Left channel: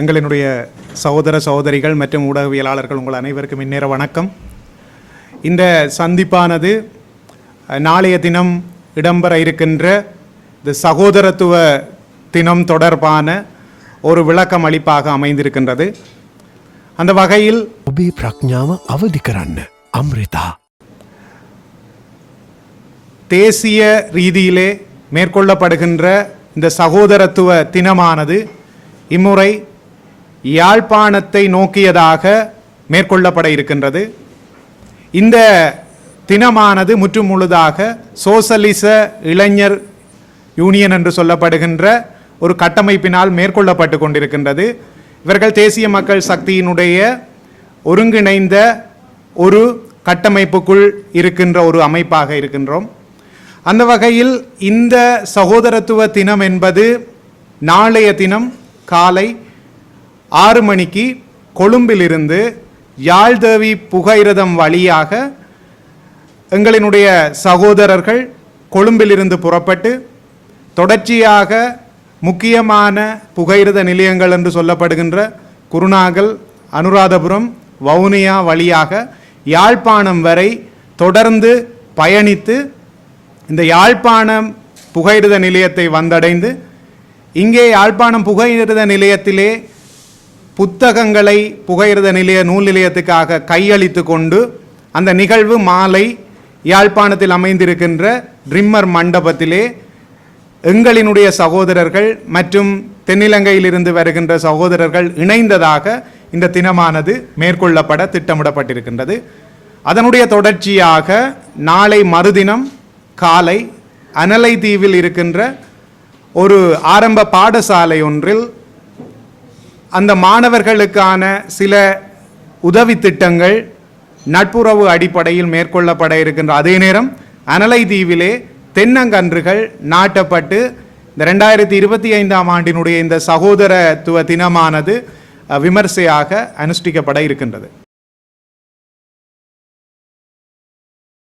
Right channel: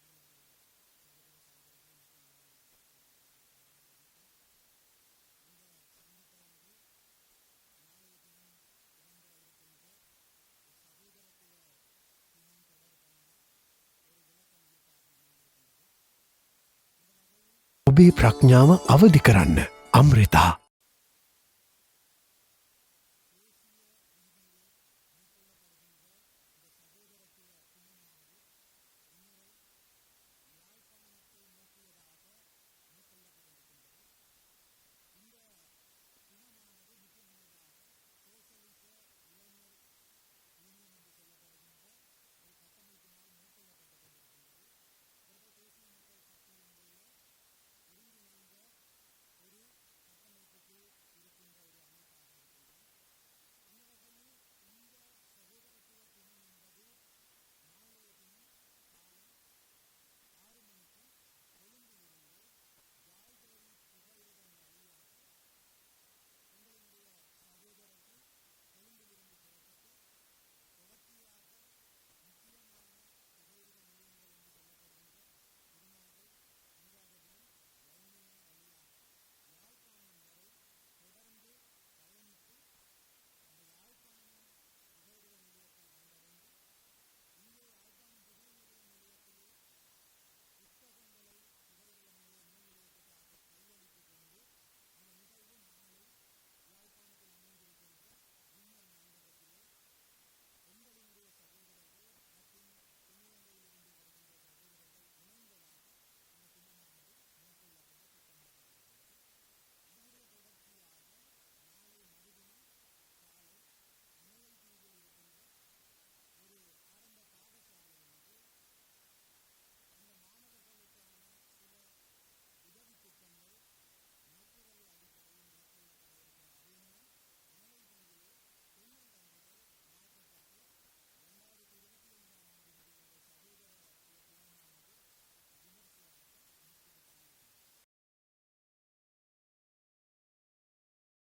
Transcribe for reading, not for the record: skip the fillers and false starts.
எங்களினுடைய சகோதர சகோதரிகள் மற்றும் ஊடகவியலாளர்கள் உங்கள் அனைவருக்கும் இந்நேர வணக்கம். இந்த சந்திப்பானது நாளைய தினம் இடம்பெற இருக்கின்ற இந்த சகோதரத்துவ தினம் தொடர்பான ஒரு விளக்கம் அளிப்பாக அமைந்திருக்கின்றது. அந்த வகையில் ඔබේ ප්‍රඥාව අවදි කරන්න අම්රිතා தேசிய ரீதியிலே மேற்கொள்ளப்படுகின்ற இந்த சகோதரத்துவ தினமானது இம்முறை யாழ்ப்பாணத்தை நோக்கியதாக மேற்கொள்ளப்பட இருக்கின்றது. இந்த தினமானது முற்று முழுதாக சோசலிச இளைஞர் யூனியன் என்று சொல்லப்படுகின்ற ஒரு கட்டமைப்பினால் மேற்கொள்ளப்பட்டு கொண்டிருக்கின்றது. இவர்கள் தேசிய மக்கள் சக்தியினுடைய ஒருங்கிணைந்த ஒரு கட்டமைப்புக்குள் இருக்கின்ற ஒரு அமைப்பாக இருக்கின்றோம். அந்த வகையில் இந்த சகோதரத்துவ தினம் என்பது நாளைய தினம் காலை 6 மணிக்கு கொழும்பிலிருந்து யாழ்தேவி புகையிரதம் வழியாக எங்களினுடைய சகோதரர்கள் கொழும்பிலிருந்து புறப்பட்டு தொடர்ச்சியாக முக்கியமான புகையிரத நிலையங்கள் என்று சொல்லப்படுகின்ற குருநாகல், அனுராதபுரம், வவுனியா வழியாக யாழ்ப்பாணம் வரை தொடர்ந்து பயணித்து இந்த யாழ்ப்பாணம் புகையிரத நிலையத்தை வந்தடைந்து இங்கே யாழ்ப்பாணம் புகையிரத நிலையத்திலே புத்தகங்களை புகையிரத நிலைய நூல் நிலையத்துக்காக கையளித்து கொண்டு அந்த நிகழ்வு மாலை யாழ்ப்பாணத்தில் அமைந்திருக்கின்ற ட்ரிம்மர் மண்டபத்திலே எங்களினுடைய சகோதரர்கள் மற்றும் தென்னிலங்கையிலிருந்து வருகின்ற சகோதரர்கள் இணைந்ததாக இந்த தினமானது மேற்கொள்ளப்பட திட்டமிடப்பட்டிருக்கின்றது. அதனுடைய தொடர்ச்சியாக நாளை மறுதினம் காலை அனலை தீவில் இருக்கின்ற ஒரு ஆரம்ப பாடசாலை ஒன்றில் அந்த மாணவர்களுக்கான சில உதவி திட்டங்கள் நட்புறவு அடிப்படையில் மேற்கொள்ளப்பட இருக்கின்ற அதே நேரம் அனலை தீவிலே தென்னங்கன்றுகள் நாட்டப்பட்டு இந்த 2025ஆம் ஆண்டினுடைய இந்த சகோதரத்துவ தினமானது விமர்சையாக அனுஷ்டிக்கப்பட இருக்கின்றது.